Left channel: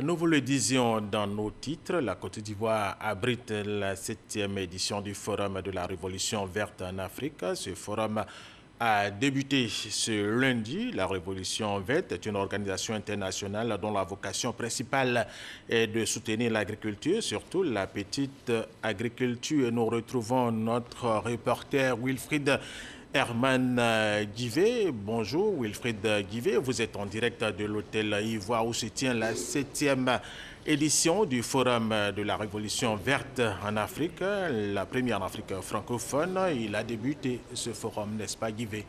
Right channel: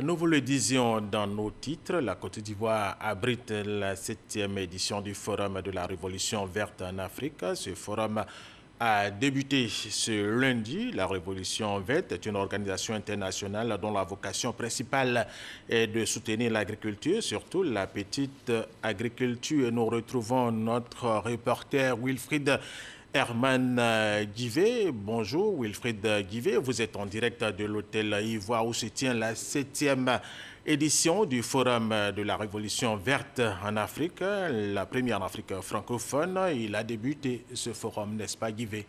Nous vous le disions dans nos titres, la Côte d'Ivoire abrite la 7e édition du Forum de la Révolution verte en Afrique. Ce forum a débuté ce lundi. La Révolution verte est une organisation internationale dont la vocation principale est de soutenir l'agriculture, surtout la petite agriculture. Nous retrouvons notre reporter Wilfried Herman Guivet. Bonjour Wilfried Guivet, vous êtes en direct de l'hôtel Ivoire où se tient la 7e édition du Forum de la Révolution verte en Afrique, la première en Afrique francophone. Il a débuté ce forum, n'est-ce pas Guivet?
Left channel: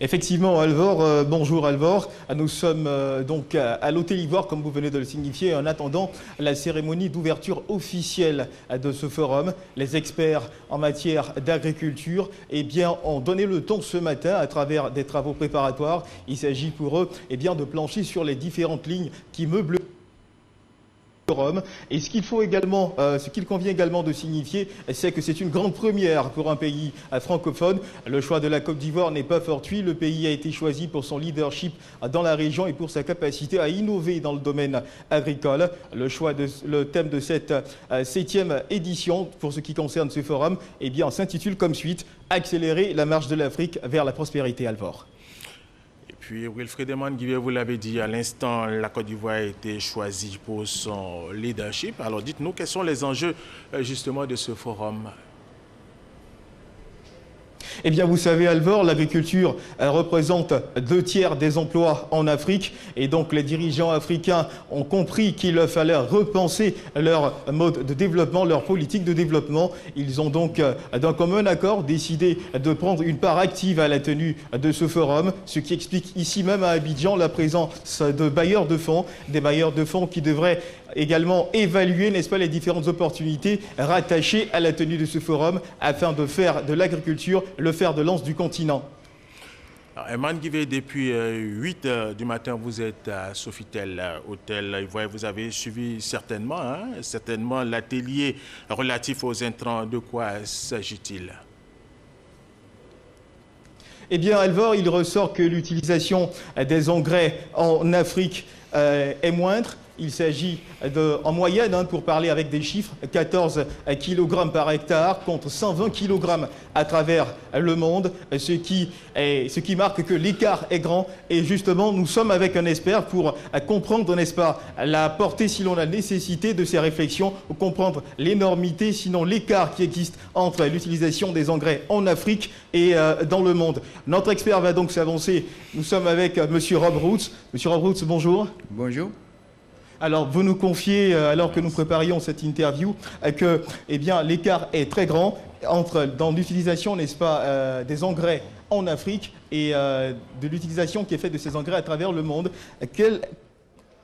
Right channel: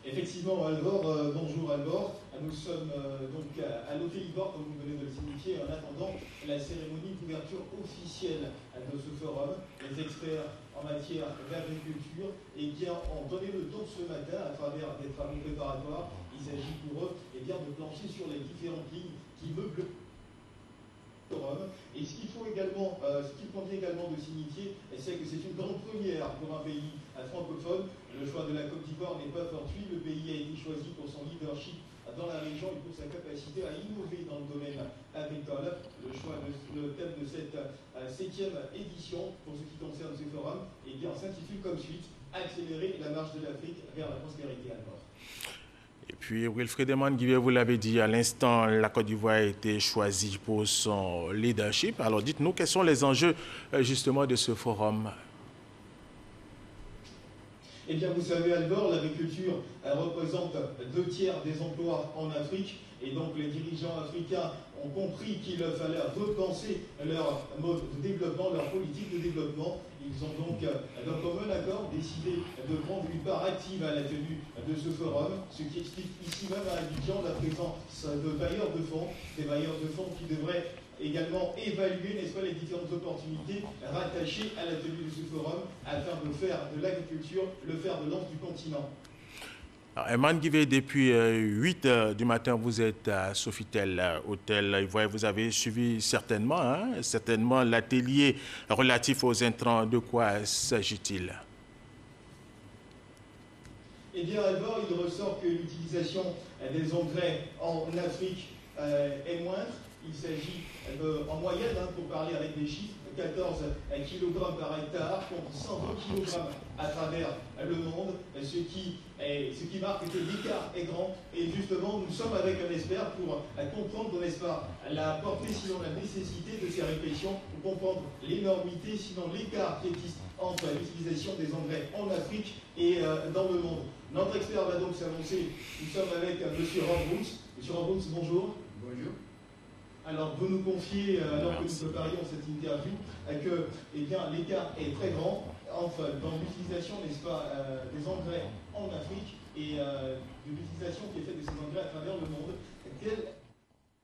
Effectivement, Alvor, bonjour Alvor. Nous sommes donc à l'Hôtel Ivoire, comme vous venez de le signifier, en attendant la cérémonie d'ouverture officielle de ce forum. Les experts en matière d'agriculture ont donné le ton ce matin à travers des travaux préparatoires. Il s'agit pour eux de plancher sur les différentes lignes qui meublent forum. Et ce qu'il convient également de signifier, c'est que c'est une grande première pour un pays francophone. Le choix de la Côte d'Ivoire n'est pas fortuit. Le pays a été choisi pour son leadership dans la région et pour sa capacité à innover dans le domaine agricole. Le thème de cette 7e édition, pour ce qui concerne ce forum, s'intitule comme suite « Accélérer la marche de l'Afrique vers la prospérité ». Alvor. Et puis, Wilfried Herman Guivet, vous l'avez dit à l'instant, la Côte d'Ivoire a été choisie pour son leadership. Alors, dites-nous, quels sont les enjeux justement de ce forum? Eh bien, vous savez, Alvor, l'agriculture représente 2/3 des emplois en Afrique. Et donc, les dirigeants africains ont compris qu'il fallait repenser leur mode de développement, leur politique de développement. Ils ont donc, d'un commun accord, décidé de prendre une part active à la tenue de ce forum, ce qui explique ici même à Abidjan la présence de bailleurs de fonds, des bailleurs de fonds qui devraient également évaluer, n'est-ce pas, les différentes opportunités rattachées à la tenue de ce forum afin de faire de l'agriculture le fer de lance du continent. Herman Guivet, depuis 8 h du matin, vous êtes à Sofitel, hôtel Ivoire. Vous avez suivi certainement l'atelier relatif aux intrants. De quoi s'agit-il? Eh bien, Alvor, il ressort que l'utilisation des engrais en Afrique est moindre. Il s'agit en moyenne, pour parler avec des chiffres, 14 kg par hectare contre 120 kg à travers le monde, ce qui marque que l'écart est grand. Et justement, nous sommes avec un expert pour comprendre, n'est-ce pas, la portée, sinon la nécessité de ces réflexions, pour comprendre l'énormité, sinon l'écart qui existe entre l'utilisation des engrais en Afrique et dans le monde. Notre expert va donc s'avancer. Nous sommes avec M. Rob Roots. M. Rob Roots, bonjour. Bonjour. Alors, vous nous confiez, alors que nous préparions cette interview, que l'écart est très grand dans l'utilisation, n'est-ce pas, des engrais en Afrique et de l'utilisation qui est faite de ces engrais à travers le monde.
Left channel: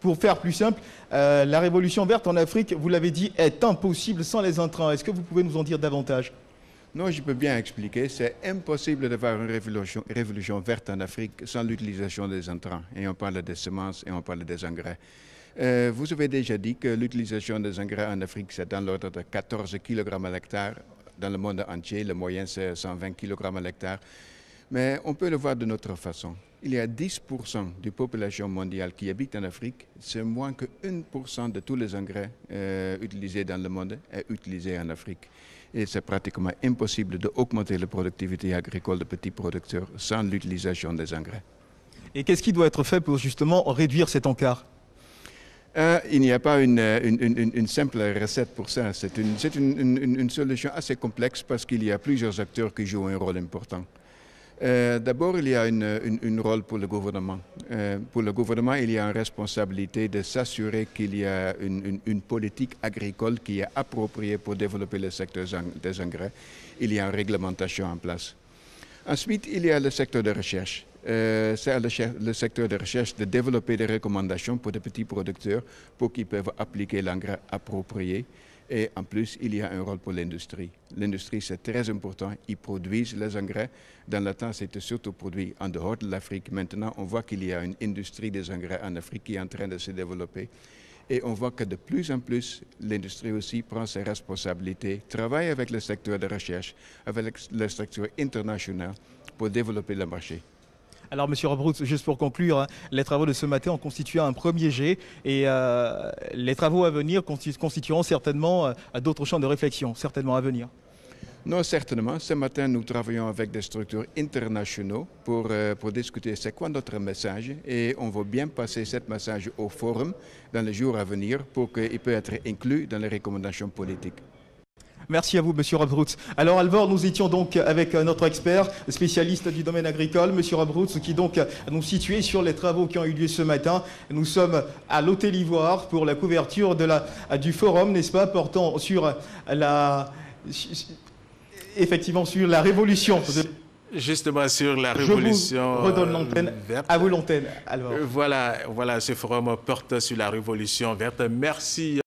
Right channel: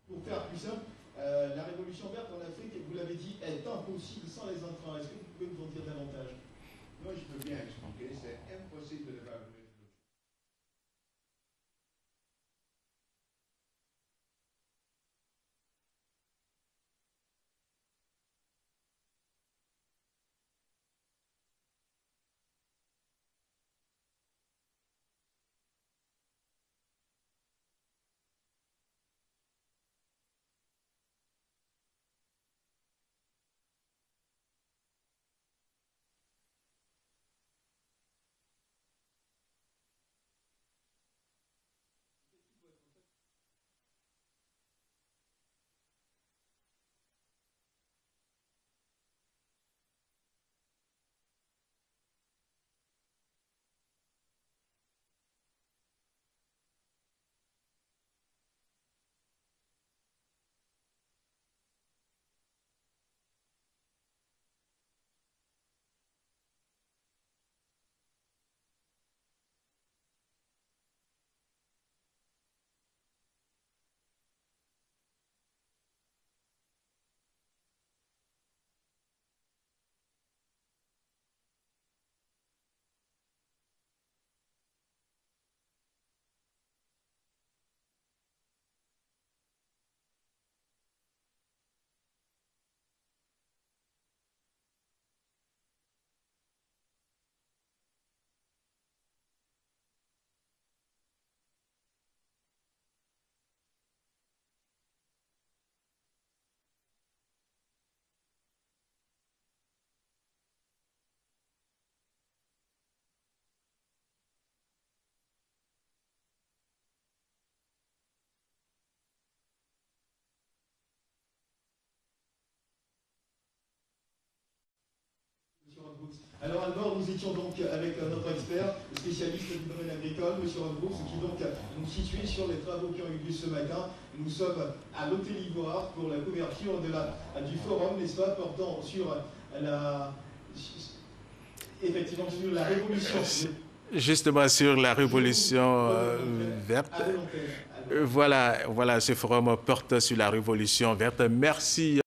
Pour faire plus simple, la révolution verte en Afrique, vous l'avez dit, est impossible sans les intrants. Est-ce que vous pouvez nous en dire davantage? Non, je peux bien expliquer. C'est impossible de faire une révolution verte en Afrique sans l'utilisation des intrants. Et on parle des semences et on parle des engrais. Vous avez déjà dit que l'utilisation des engrais en Afrique, c'est dans l'ordre de 14 kg à l'hectare. Dans le monde entier, le moyen, c'est 120 kg à l'hectare. Mais on peut le voir d'une autre façon. Il y a 10% de la population mondiale qui habite en Afrique. C'est moins que 1% de tous les engrais utilisés dans le monde est utilisé en Afrique. Et c'est pratiquement impossible d'augmenter la productivité agricole de petits producteurs sans l'utilisation des engrais. Et qu'est-ce qui doit être fait pour justement réduire cet encart? Il n'y a pas une simple recette pour ça. C'est une solution assez complexe parce qu'il y a plusieurs acteurs qui jouent un rôle important. D'abord, il y a un rôle pour le gouvernement. Pour le gouvernement, il y a une responsabilité de s'assurer qu'il y a une politique agricole qui est appropriée pour développer le secteur des engrais. Il y a une réglementation en place. Ensuite, il y a le secteur de recherche. C'est le secteur de recherche de développer des recommandations pour les petits producteurs pour qu'ils peuvent appliquer l'engrais approprié. Et en plus, il y a un rôle pour l'industrie. L'industrie, c'est très important. Ils produisent les engrais. Dans le temps, c'était surtout produit en dehors de l'Afrique. Maintenant, on voit qu'il y a une industrie des engrais en Afrique qui est en train de se développer. Et on voit que de plus en plus, l'industrie aussi prend ses responsabilités, travaille avec le secteur de recherche, avec le secteur international pour développer le marché. Alors, Monsieur Robrout, juste pour conclure, hein, les travaux de ce matin ont constitué un premier jet et les travaux à venir constitueront certainement d'autres champs de réflexion, certainement à venir. Non, certainement. Ce matin, nous travaillons avec des structures internationales pour discuter c'est quoi notre message et on va bien passer ce message au forum dans les jours à venir pour qu'il puisse être inclus dans les recommandations politiques. Merci à vous, Monsieur Robrout. Alors, Alvor, nous étions donc avec notre expert, spécialiste du domaine agricole, Monsieur Robrout, qui donc nous situait sur les travaux qui ont eu lieu ce matin. Nous sommes à l'Hôtel Ivoire pour la couverture du forum, n'est-ce pas, portant sur effectivement sur la révolution. Justement sur la révolution verte. À vous l'antenne. Voilà, ce forum porte sur la révolution verte. Merci.